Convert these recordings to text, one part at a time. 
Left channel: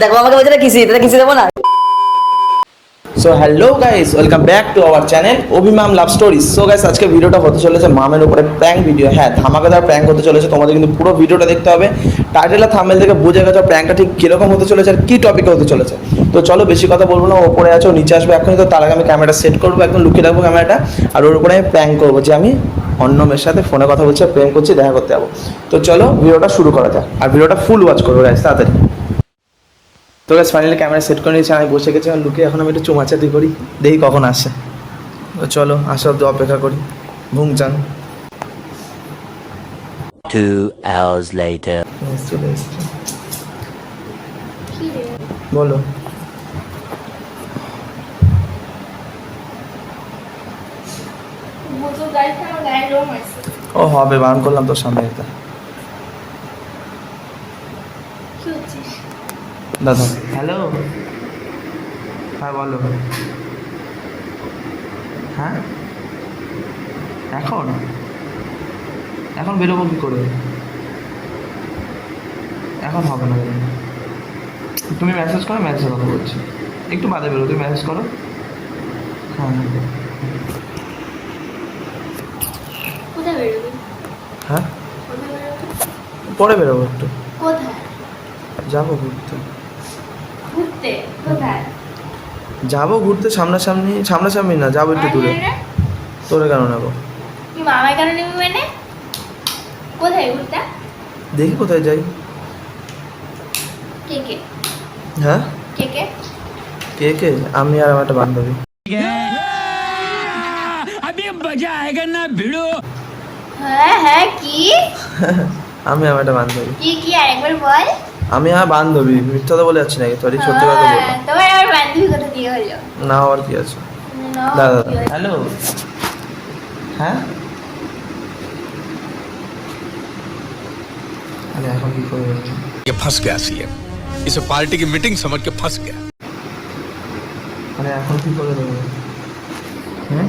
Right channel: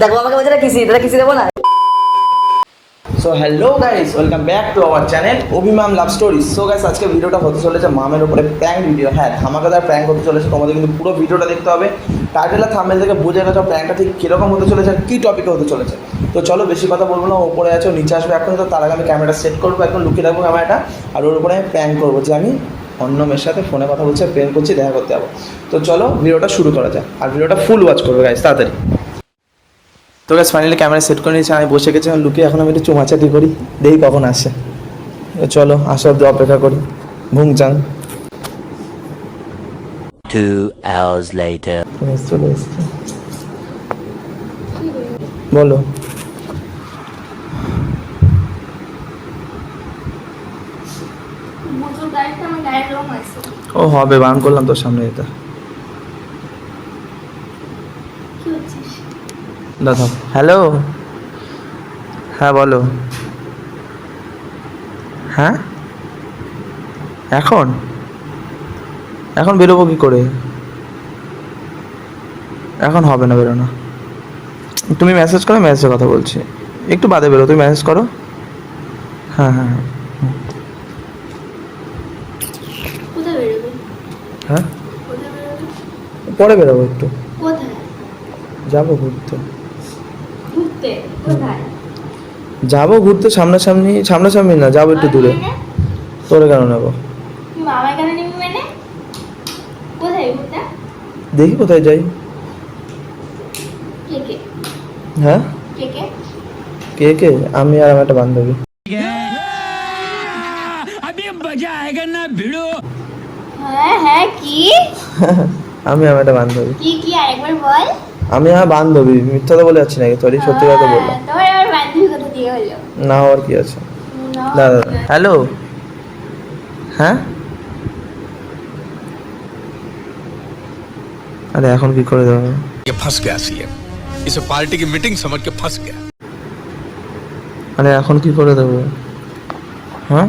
দেখো আমাকে বলছে কিসি, তোরা কিসি দেবো না। So hello guys, welcome back to our channel অভিমাম লাভ স্টোরিজ। সো গাইস, আজকে ভিডিওটা হতে চলেছে মামের উপরে প্র্যাঙ্ক ভিডিও। হ্যাঁ, ধামাকাদার প্র্যাঙ্ক হতে চলেছে, তোমাদের কিন্তু পুরো ভিডিওটা দেখতে হবে। টাইটেল আর থাম্বনেল থেকে বুঝে গেছো প্র্যাঙ্কটা ঠিক কিরকম হতে চলেছে আর কি টপিকে হতে চলেছে। তো চলো বেশি কথা বলবো না, ওপরে আছো নিচে আসবে এখনই। তো তার আগে আমি ক্যামেরাটা সেট করবো, একদম লুকিয়ে রাখবো ক্যামেরাটা, আর ওর উপরে আমি প্র্যাঙ্ক করবো যে আমি অন্য মেয়ের সাথে ফোনে কথা বলছি, প্রেম করছি, দেখা করতে যাবো। তো চলো ভিডিওটা শুরু করা যাক, আর ভিডিওটা ফুল ওয়াচ করবো গাইস, তাড়াতাড়ি। তো গাইস ফাইনালি ক্যামেরা সেট করে নিয়েছি, আমি বসে গেছি লুকিয়ে। এখন আমি একটু চুমাচাতি করি, দেখি কখন আসে। তো চলো আসা অব্দি অপেক্ষা করি। ভুংচাং 2 hours later. চলে এসছে। বলো। ও হবে, বারণ করলাম তোর সামনে এটা। দাদা হ্যালো, হ্যাঁ বলো। হ্যাঁ এখন এখন বেরোবো কি করে? এখন হবে না বেরোনো। তুমি মেসেজ করো, মেসেজে কথা বলছি। একটু বাদে বেরো, তুমি মেসেজ করো। হ্যাঁ হ্যাঁ হ্যাঁ, পরে বেরোবো একটু। যাবো ঘুরতে। যাবো ঘুরতে সামনাসামনি, সামনাসামনি না, যাবো একটু দূরে। তোরে কেন নেবো? দেখি কোথায় যাই। হ্যাঁ কে কে? আমি আর আমার একটা বান্ধবী। আমি আমার একটা বান্ধবী। আমি আমার বান্ধবী, মিথ্যা তো বলে যাচ্ছি নাকি? সরি, সত্যি কথা বললাম। না আর কি আছে। দাদা হ্যালো, হ্যাঁ अरे এখন কি করে দেব? ये फंस गया सीएम, इसे पार्टी की मीटिंग समझ के फंस गया। अरे এখন কি করে দেব? হ্যাঁ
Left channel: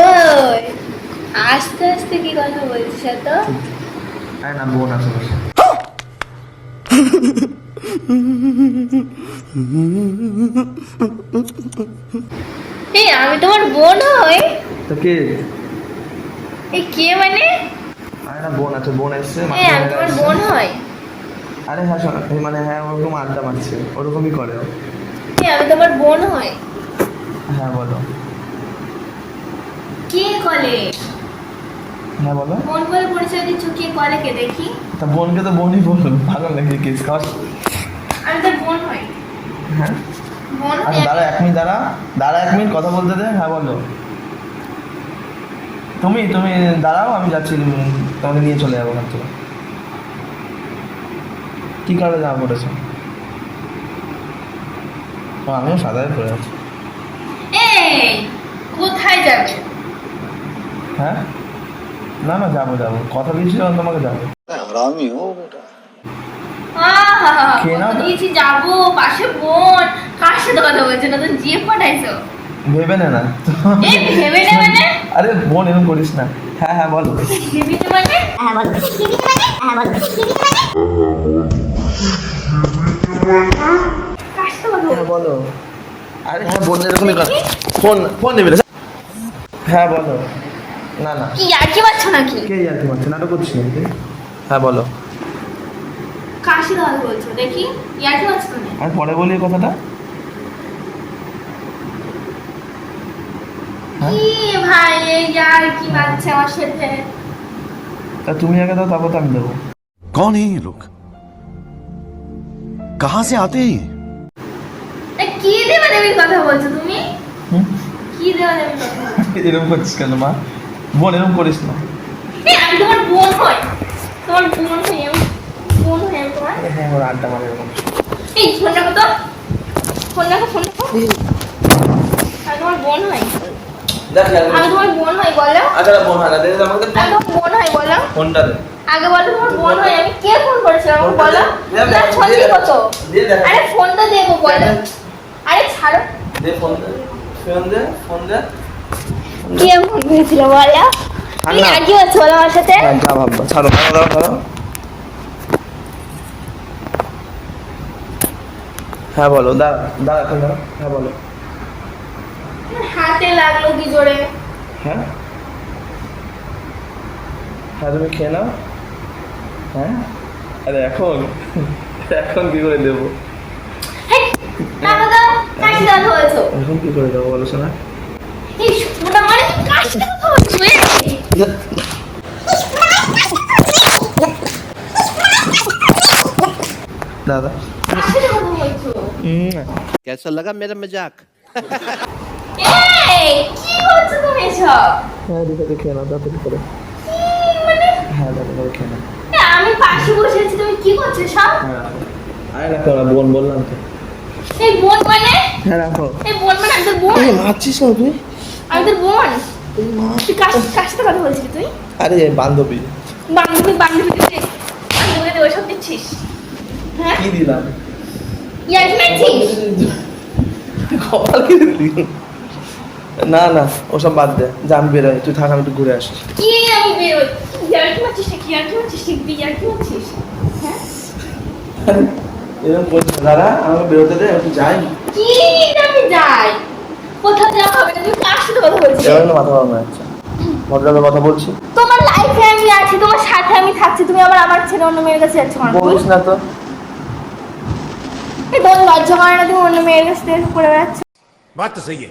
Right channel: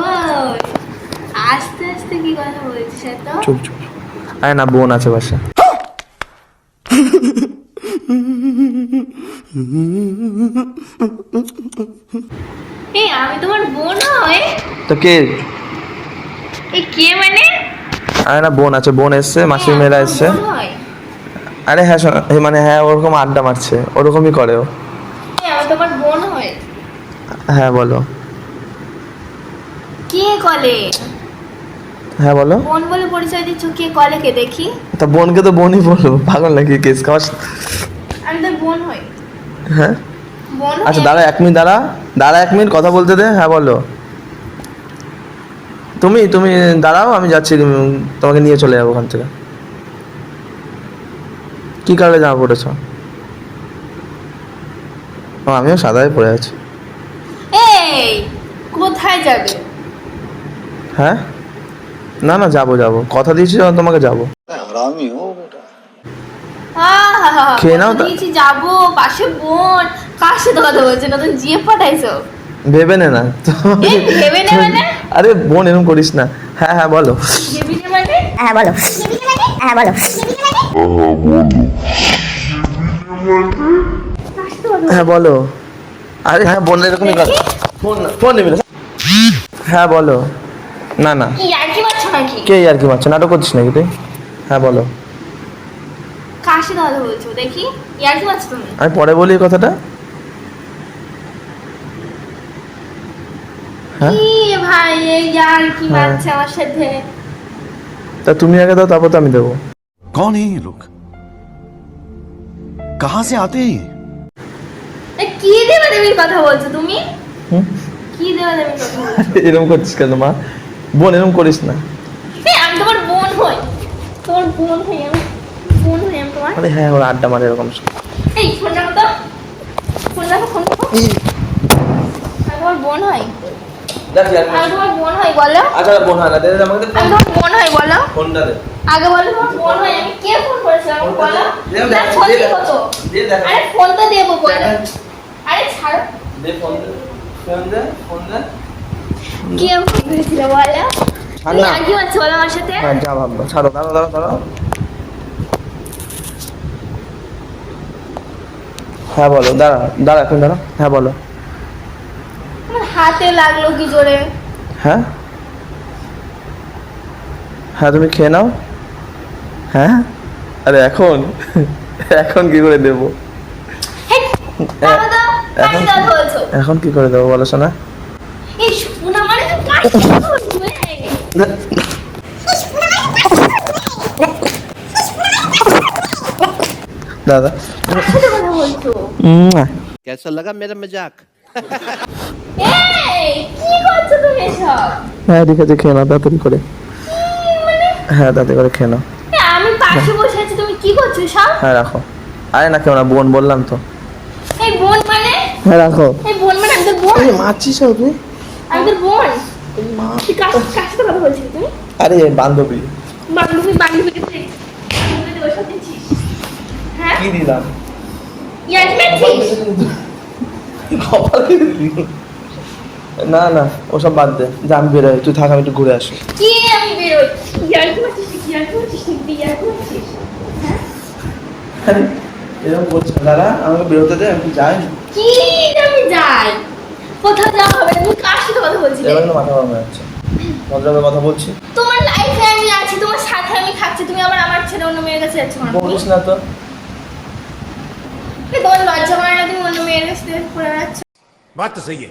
ওই আস্তে আস্তে কি কথা বলছিস তো? চুপ চুপ। আরে না, বোন আছে বাসা। এই আমি তোমার বোন হই? তো কে? এই কে মানে? আরে না, বোন আছে, বোন এসছে, মাসি মেয়েরা এসছে। বোন হয়? আরে হ্যাঁ মানে হ্যাঁ, ওরকম আড্ডা মারছে, ওরকমই করে ও। আমি তোমার বোন হই? হ্যাঁ বলো। কে কলে? হ্যাঁ বলো। বোন বলে পরিচয় দিচ্ছ, কে কলে কে দেখি? তা বোনকে তো বোনই বলো, পাগল নাকি? কেস খাওয়াস? আমি তোর বোন হই। হ্যাঁ বোন? আচ্ছা দাঁড়া 1 মিনিট, দাঁড়া 1 মিনিট কথা বলতে দে। হ্যাঁ বলো। তুমি তুমি দাঁড়াও, আমি যাচ্ছি, তোমাকে নিয়ে চলে যাবো ওখান থেকে। কি কালারে জামা পড়েছো? ও আমিও সাদাই পরে আছি। এই কোথায় যাবে? হ্যাঁ না না, যাবো কথা দিয়েছি যখন তোমাকে, যাবো। খেয়ে নাও। দিয়েছি যাবো, পাশে বোন, কার সাথে কথা বলছো? নতুন জিএফ পাঠাইছো? ভেবে নে না। এই ভেবে নে মানে? আরে বোন এরকম করিস না। হ্যাঁ হ্যাঁ বলো। ভেবে নে মানে? হ্যাঁ বলো। হ্যাঁ বলো। হ্যাঁ বলো। আরে হ্যাঁ বোন এরকমই কথা। ফোন নেবে। হ্যাঁ বলো। না না, কি ইয়ার্কি মারছো নাকি? কে আর কি মারছো? নাটক করছিস নাকি তুই? হ্যাঁ বলো। কার সাথে কথা বলছো দেখি? ইয়ার্কি মারছো তুমি? আমি পরে বলি এই কথাটা। হ্যাঁ কি ভাই, এই ইয়ার্কি মারছে আমার সাথে? তা তুমি আগে দাও, তারপর তো আমি দেবো। कौन है ये लोग, कहां से आते हैं? কি দেবে দেবীর কথা বলছো তুমি? হুম কি দেবে দেবীর কথা বলছো? এরকম করছিস কেন মা? বোন এরকম করিস না। আমি তোমার বোন হই, তোমার বোন হই আমি, বোন হই আমি তোমার। আরে হ্যাঁ, ওরা আড্ডা মারে এরকম। এই ফোন রাখো তো, ফোন রাখো, ফোন রাখো। আমি তোমার বোন হই। আমি তোমার বোন হই বলো। আচ্ছা বোন হয় না, দে আমাকে আমি তোমার বোন হই বলো। ফোনটা দে আগে বলো তোমার বোন হই আমি। কে ফোন করেছিল আমাকে বলো? ফোনটা না দে, ফোন দে, দিব তো। দে দেখ। আরে ফোন তো দেবো বলো। আরে ছাড়ো। দে ফোন দে। কি এমন হয়েছিল বলো? তুমি না। আর কি হচ্ছে বলো আমার সাথে? হ্যাঁ যা ভাববা, ছাড়ো ছাড়ো ছাড়ো। হ্যাঁ বলো, দাঁড়া দাঁড়া এখন দাঁড়া, হ্যাঁ বলো। আমার হাতে লাগলো কি জোরে। হ্যাঁ হ্যাঁ তুমি খেয়ে নাও। হ্যাঁ আরে এখন এখন কি করে দেবো? হেই, বাবা তো এখন কাশি না বলছো। এখন কি করে দেবো বলো শোনা? এই শোনা মানে তুমি কাশি করছো এ? দাদা কাশির কথা বলছো? कैसा लगा मेरा मजाक? এই কি করছো তুমি সব? হ্যাঁ ঠিক আছে, খেয়ে নাও তাড়াতাড়ি করে। হ্যাঁ তাড়াতাড়ি করে খেয়ে নাও। আমি পাশে বসে আছি, তুমি কি করছো সব? হ্যাঁ রাখো। আরে না কেউ না, বোন বললাম তো। এই বোন মানে? হ্যাঁ রাখো। এই বোন মানে আমি তোর বোন? মারছিস না তুই? আমি তোর বোন? তুই কার সাথে কথা বলছিস তুই? আরে বান্ধবী। বান্ধবী বান্ধবীকে তুই বলে দে ওসব দিচ্ছিস? হ্যাঁ কি দিলাম? ইয়ার মেছিস? কপাল কি দিলি? না না ওসব বাদ দে, যা আমি বেরোই, তুই থাক আমি একটু ঘুরে আসি। কি আমি বেরোই? ইয়ার কি মারছিস নাকি? ইয়ার কি মারছিস নাকি? ইয়ার কি মারছিস? হ্যাঁ এরকম বলছিস দাদা, আমাকে বেরোতে দে, আমি একটু যাই। কি আমি যাই? কোথাও যাওয়া হবে না, তুমি কার সাথে কথা বলছিস? এবার কিন্তু মাথা গরম হয়ে যাচ্ছে। ভদ্রভাবে কথা বলছি। তোমার লাইফে আমি আছি, তোমার সাথে আমি থাকছি, তুমি আবার আমার ছেড়ে অন্য মেয়ের কাছে যাচ্ছ কেন? বলিস না তো। এই তোমার লজ্জা করে না? তুমি অন্য মেয়ের কাছে থেকে করে বেড়াচ্ছ। बात तो सही है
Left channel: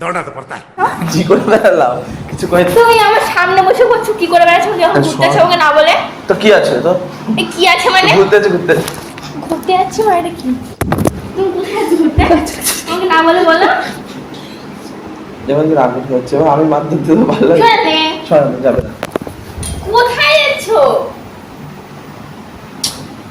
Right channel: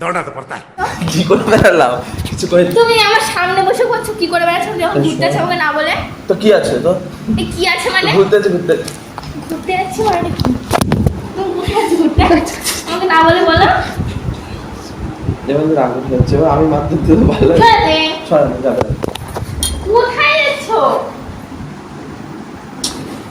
दौड़ना तो पड़ता है। কি করে বেড়ালাম কিছু করে? তুমি আমার সামনে বসে করছো কি করে বেড়াচ্ছ? তুমি এখন ঘুরতে যাচ্ছ আমাকে না বলে? তো কি আছে তো? এই কি আছে মানে? ঘুরতে আছে ঘুরতে। ঘুরতে যাচ্ছি মানে এটা কি? তুমি কোথায় যাচ্ছ ঘুরতে? আমাকে না বলে বলো। যেমন রাগ হচ্ছে, আমি মার দিতে তো ভালো লাগে। চলে সরানো যাবে না। কোথায় যাচ্ছ?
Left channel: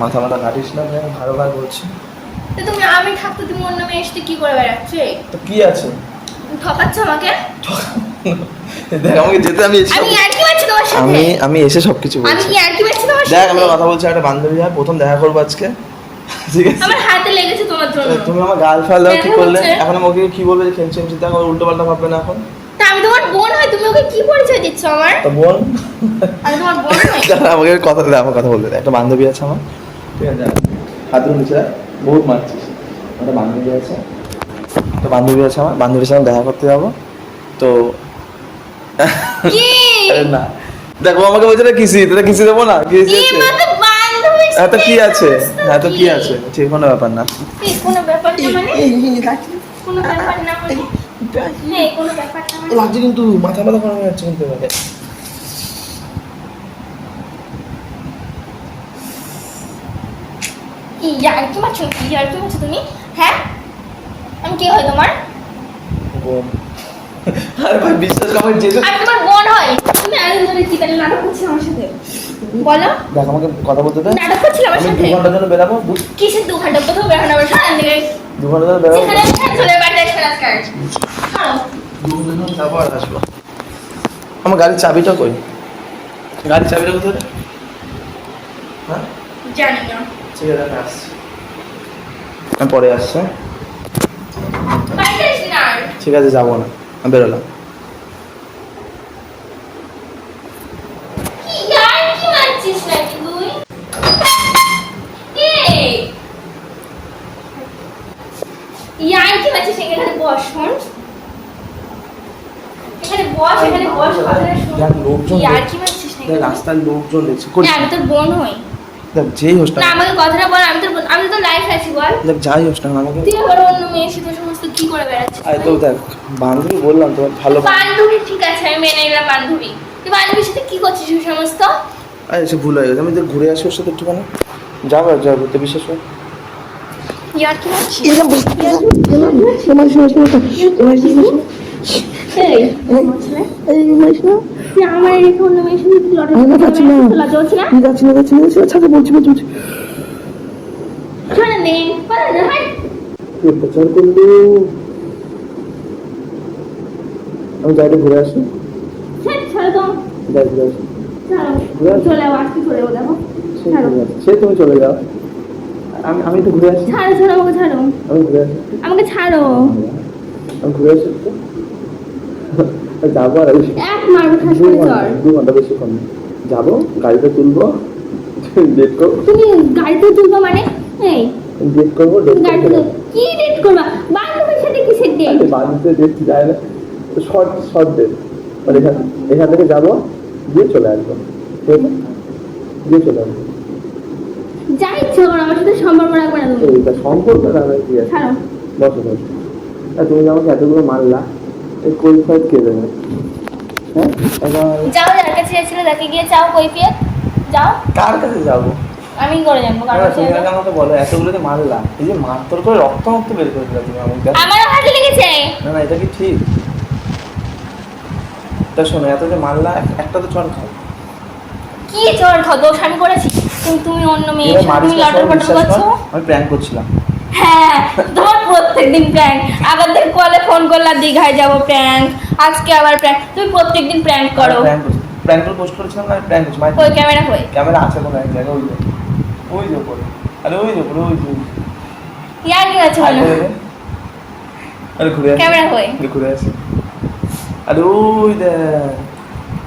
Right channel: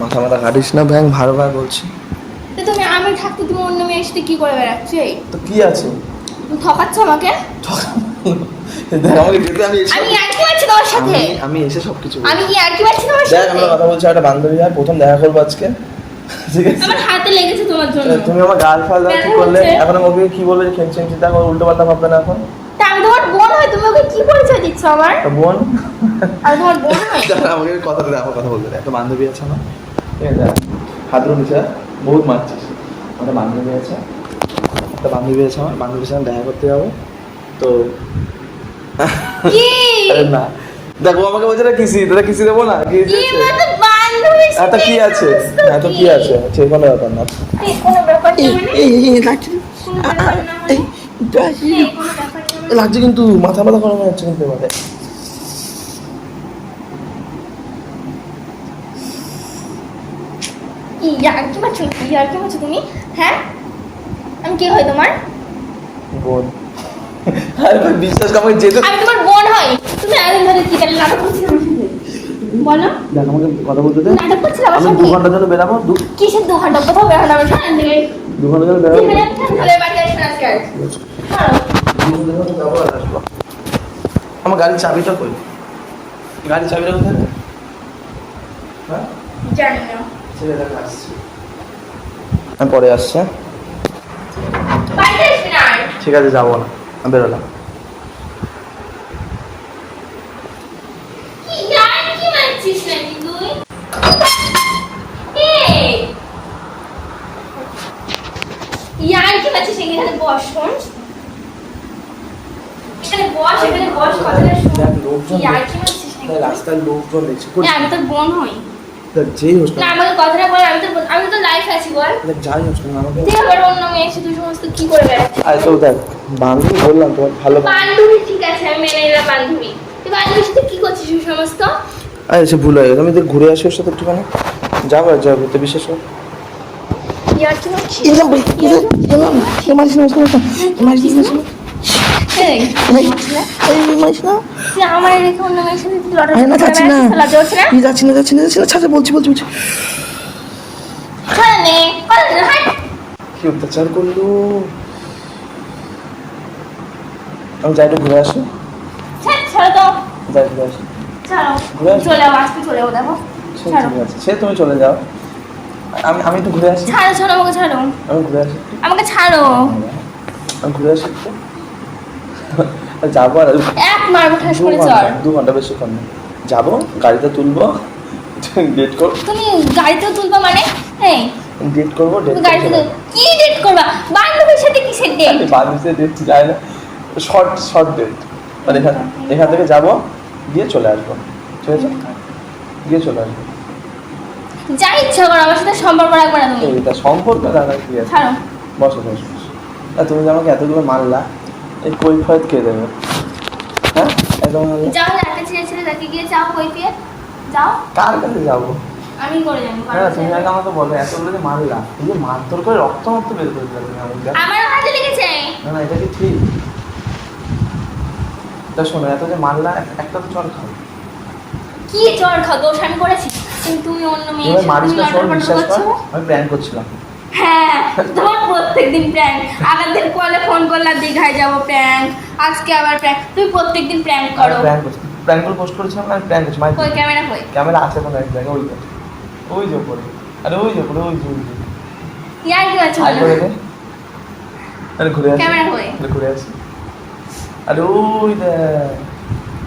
মাথা মাথা কাটিস না ব্যাং, ভালো ভালো বলছি। তো তুমি আমি থাকতে তুমি অন্য মেয়ের সাথে কি করে বেড়াচ্ছ? তো কি আছে? তুমি ঠকাচ্ছ আমাকে? দেখ আমাকে যেতে, আমি এসে আমি আর কি মারছি তোমার সাথে? আমি এসে সবকিছু আমি বলছি। কি আর কি মারছি তোমার দেখ সাথে? আমি কথা বলছি, একটা বান্ধবী হয়, প্রথম দেখা করবো আজকে, ঠিক আছে? আমার হাতে লেগেছে তোমার জন্য। তুমি আমার গাল ফাল দেওয়া কি দেখা করলে? হচ্ছে। এখন ওকে কি বলবে যে খেমছে খেমছে, দেখো উল্টো পাল্টা ভাববে না এখন। তা আমি তোমার বোন হই, তুমি ওকে কি পরিচয় দিচ্ছ আমার? তা বোন আমি তোমার বোন হই? দাঁড়া, আমাকে কথা দে, আমার কথা বলতে দে। একটা বান্ধবী আছে আমার, ঠিক আছে? হাত ধরে নিচে রাখ, বহুত মারছিস। একটা বান্ধবী আছে, একটা বান্ধবী আছে আমার, বান্ধবীর সঙ্গে দেখা করতে যাবো তো। কি? আরে না দেখো, আমাকে বলছে না কিসি, তোরা কিসি দেবো না? কিসি কি আছে? মানে বান্ধবীর এত সাথে কি আছে? বুঝতো এত কি আছে? সে কোনো ব্যাপার না। এই কোনো ব্যাপার না মানে? লাগছে কোনো ব্যাপার না মানে? এই কোনো ব্যাপার না মানে? লাগছে কিন্তু মাথা মাথা গরম হয়ে যাচ্ছে কিন্তু এবারে। ইয়ার কি মারছো? ইয়ার কি মারছো তুমি? হ্যাঁ আমি কি হয় তোমার? বোন। আরে ভাই বিশ্বাস কর, আমি যেতে। আমি তোমার বোন হয়? তুমি আরেক ধরে কি করে নাটক করছিলে আমার সাথে? বলো। দেখ আমাকে কথা বলতে দে। নাটক করছিলে আমার আমি সাথে? 2 ঘন্টার জন্য বেরাবো। কিসের 2 ঘন্টা? কোথাও বেরোনো আমার সাথে দিকে? 2 ঘন্টার জন্য বেরাবো। সেখানে সেখানে চলে বাড়িতে আসবে আজকে। চলো। 2 ঘন্টার জন্য যাবো আর আসবো। আমার গাড়ির চাবিটা কই? গাড়ির চাবিটা কোথায় রে? হ্যাঁ জানি না। ঠিক আছে আমি আসছি। আমি পরে আসছি, হ্যাঁ? বাড়িতে আসবি না আর। ঠিক আছে যাবো না, আমি বেরোলাম। কি ইয়ার কি মারছিস নাকি তুই? এই ইয়ার কি মারছিস? এখানে বস শোন। এখানে বস, এখানে বস, কথাটা শোন। দেখ, লোকজন ইয়ার কি মারছিস নাকি? দেখ, রাস্তার লোকজন দেখছে। না, আমি তোর বোন হই। দেখ যেই হোস না না, আমাকে কথাটা বল, আমি তোর বোন, আমি তো লাইফ আছি বল। দেখ যাই হোস না আমাকে। তুই আবার অন্য মেয়ের সাথে সমস্ত কি করে বেড়াচ্ছিস? আরে তো দেখ বান্ধবী বললাম তোমার ভালো বান্ধবী। বান্ধবী ঠিক আছে, আমি মেনে নিলাম বান্ধবী। তুই বান্ধবীর সাথে কি করছিস ওই সমস্ত? আরে সে ভুল হয়ে গেছে, আমি তো ঘুরে আসি ওর সাথে একটুখানি। যাবো আর যাবো তো, বিশ্বাস কর। ইয়ার কি মারছিস? এই মাইস না, তুই আমার রেখে অন্য মেয়ের সাথে তুই লটারি না যাচ্ছি না, লজ্জা হচ্ছে না? যাচ্ছি না, ছাড়া বলছি। শোন নে, কথা না হাই। কি অত্যাচার করলো। আমি যাই একটু ঘুরে আসি। ছাড়ো তো, যাই ঘুরে আসি। ছাড়ো। ঘুরে আসি। চলে যাও, আজকে চলে যাও, দেখো। সে ছাড়ো। ঠিক আছে, সে তুমি চলে যাও, আমি তো ঘুরে আসি। ছাড়ো, ছাড়ো, আমাকে ছাড়ো। আমি ঘুরে আসি, আমাকে ছাড়ো। আমি ঘুরে আসি একটু। যাবো আর এক মারবো ঠাস করে চল। 2 ঘন্টা বেশিক্ষণ না। যাবো গাড়িতে তুলবো, ডেট করবো। তুমি গাড়িতে তুলবে মানে? এই ডেট করবো, ডেট তুমি গাড়িতে কি ডেট করবা? বান্ধবীর সাথে কিসের ডেট? বাড়িতে ডেট যায় না, শর্ট ডেট। মানে এখান থেকে যাবো, গিয়ে চলে আসবো, ঠিক আছে? গিয়ে চলে আসবো। যা ইচ্ছা করো, আমার সাথে সম্পর্ক রাখবে না তুমি। এইটা সম্পর্ক রাখার কি আছে? ছাড়ো। বসো বসো বসো। তুমি যে আমাকে এতগুলো মারলা, এই কৈফিয়ত কে দেবে? হ্যাঁ, একদম। যাও, যার কাছে ছিল তাকে গিয়ে চাও কৈফিয়ত। যাও। কার কাছে যাবো? আমি করে জানবো না না, তুমি আগে আমাকে বলো, এতগুলো যে মারলা, এই যে মারধর করে রক্ত বের করে দিলা তুমি আমাকে। আমার হাতে লেগেছে। না না, এটা কি ঠিক? তা শোনো, এত যে মারলা, একটা তো চড় খাও। কি জ্বর খাও? দোষ আমি করেছি? তুমি অন্য মেয়ে এবার মারিস তুমি না, লটর শোন, পটর বিশ্বাস কর, করছো। আমি প্র্যাঙ্ক করছিলাম। হ্যাঁ, তোমার প্রত্যেকদিন প্র্যাঙ্ক। আগের কলে ফোন করলা দীঘায় যাবো প্র্যাঙ্ক, আজকে আবার প্র্যাঙ্ক। তুমি প্রত্যেকদিন প্র্যাঙ্ক করো। প্র্যাঙ্ক করছি, প্র্যাঙ্ক করে পোস্ট করেছিলাম, আমি প্র্যাঙ্ক করছি। কই ক্যামেরা কই? ক্যামেরা আছে কোনো এক জায়গায়, ওই যে উপরে, আরে ওই যে উপরে, ওই যে ইয়ার কি আছে আয় বলো? করে দে। আরে ঘুরে আসি, ক্যামেরা কই? ঘুরে আসি। আরে ওই দেখ,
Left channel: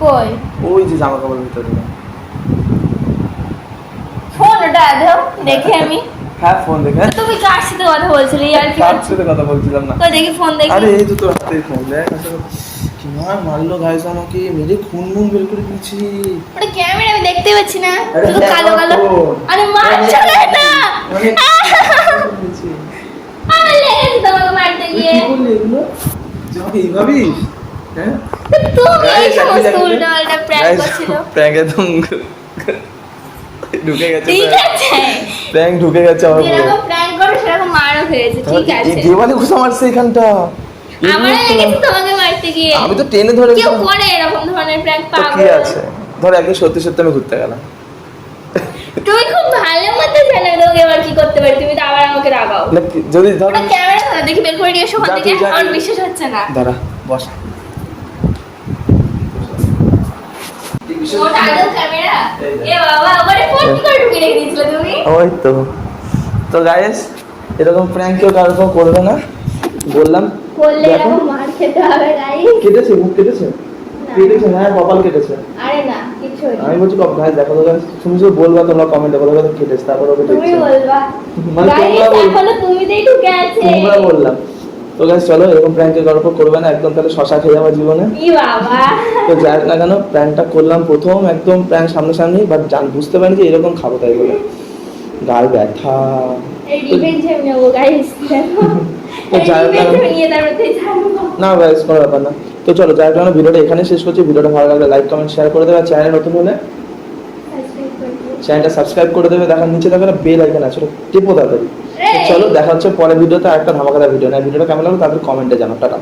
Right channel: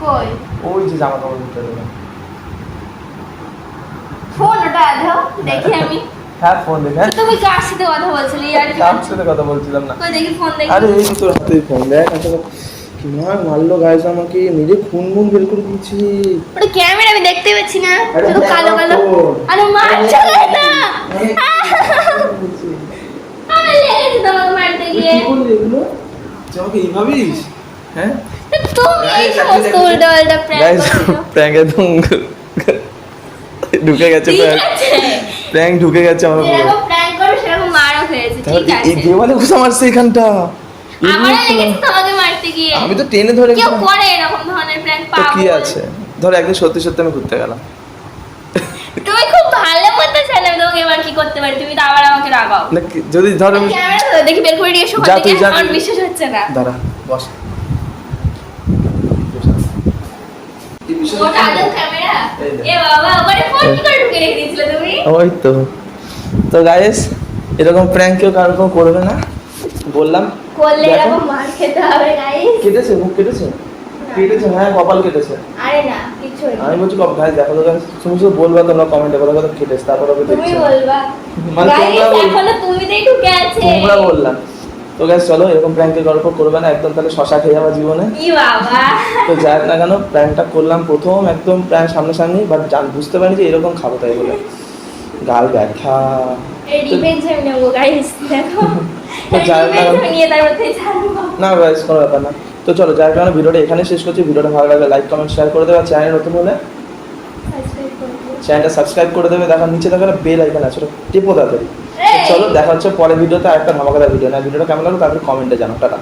কই ওই যে জামা কাপড়ের ভিতরে দেখ। ফোনটা দাও দেখি আমি। হ্যাঁ, ফোন দেখ। হ্যাঁ, তুমি কার সাথে কথা বলছিলে? ইয়ার কি কার সাথে কথা বলছিলাম না। কই দেখি ফোন দেখি। আরে এই যে তোর হাতে ফোন দেখ। কি মারলো গাইস আমাকে, নিজে খুন বের করে দিয়েছি। ওটা ক্যামেরা আমি দেখতে পাচ্ছি না, আরে শুধু হ্যাঁ, কালো কালো। তো। আরে মার চলে না। মানে আমি লেগেছি তোমাকে মারতে তুই গিয়ে। কি করলি এগুলো? যে আমাকে এই ভাবিস? হ্যাঁ তুমি এই সমস্ত উল্টা পাল্টা প্র্যাঙ্ক করছো। প্র্যাঙ্ক একদম ঢুকে গেছে, ঠিক আছে, প্র্যাঙ্ক ঢুকে গেছে আমার পুরো। যেরকম প্র্যাঙ্ক করো সেরকম মারও খেয়েছে। ঠিক এই আছে, দেওয়ালে ঘুষা মারছে এখানটা। আমারও লেগেছে তোমাকে মারতে গিয়ে। আমি তো টেনে ধরে কেউ করে এরকম ধরনের প্র্যাঙ্ক? তো কি পাগল। আছে, ধর একদিন সত্যি সত্যি আমি ঘুরতে গেলাম। তুমি খুব ভালো মতো জানো আমি তোমাকে এবার কি করতে পারি, তুমি তো আবার আমাকে রাগাও। না যদি ধর ক্যামেরা তো দেখি বের করে নিয়ে এসো। যা তুই যা, আমার তুই। বিশ্বাস হচ্ছে না। দাঁড়া, বস। ওটা আদৌ ক্যামেরা? এই দেখ। এ বাবা, ওখানে ফোন কি করে ঢুকিয়ে রেখে দিয়েছিলে তুমি? ওই তো গাইস, এরকম প্র্যাঙ্ক কেউ কারো কেউ করবে না, বললাম। করলে দেখো, এরকম মার খেতে হবে গাইস। কেটেছে, মুখ কেটেছে, কেটেছে, হ্যাঁ কপাল কেটেছে। আরে না, কিছু না। আমি বলছি কপাল, গাইস দেখো তো গাইস, তুমি শুধু বলবা, তোমরা কমেন্টে বলো কথা কেটেছে, তারপর ওকে তুমি দেখছি। বলবা। মানে গাইস, তোমরা বল, এখনো তুমিতেই ঢুকে আছে। তোমরা বললাম। তো গাইস চলো, এরকম প্র্যাঙ্কের গল্প করবে না একদম, তাহলে শশা খেয়ে যাওয়া জীবনে। কি বাবা। তো যাই হোক না কেন, প্র্যাঙ্কটা করলাম প্রথম একদম প্র্যাঙ্ক সামনাসামনি, বাট বুঝতে পারিনি যে এরকম খাবো, তাই বলে গাল ব্যথা। এই রিভেঞ্জ আমি নেবো গাইস, দেখো। তো যাই হোক না কেন, নিয়ে তারপরে ছাড়বো। না গাইস কোনো ব্যাপার না। তো চলো যাই হোক না কেন, ভিডিওটা এখানে শেষ করছি। ভিডিওটা ভালো লাগলে লাইক কমেন্ট শেয়ার করে দেবে, আর চ্যানেল নতুন হলে সাবস্ক্রাইব করবো। চ্যানেলটা সাবস্ক্রাইব করে দেবে। দেখার নিচে দেখো না বেল আইকন আছে, ওটা টিপো তাড়াতাড়ি। তো চলো দেখা হচ্ছে পরের ভিডিওতে, আরেকটা ধামাকাদার ভিডিও। না ভিডিওটা কেমন লাগলো তাড়াতাড়ি কমেন্টে জানাও। টাটা।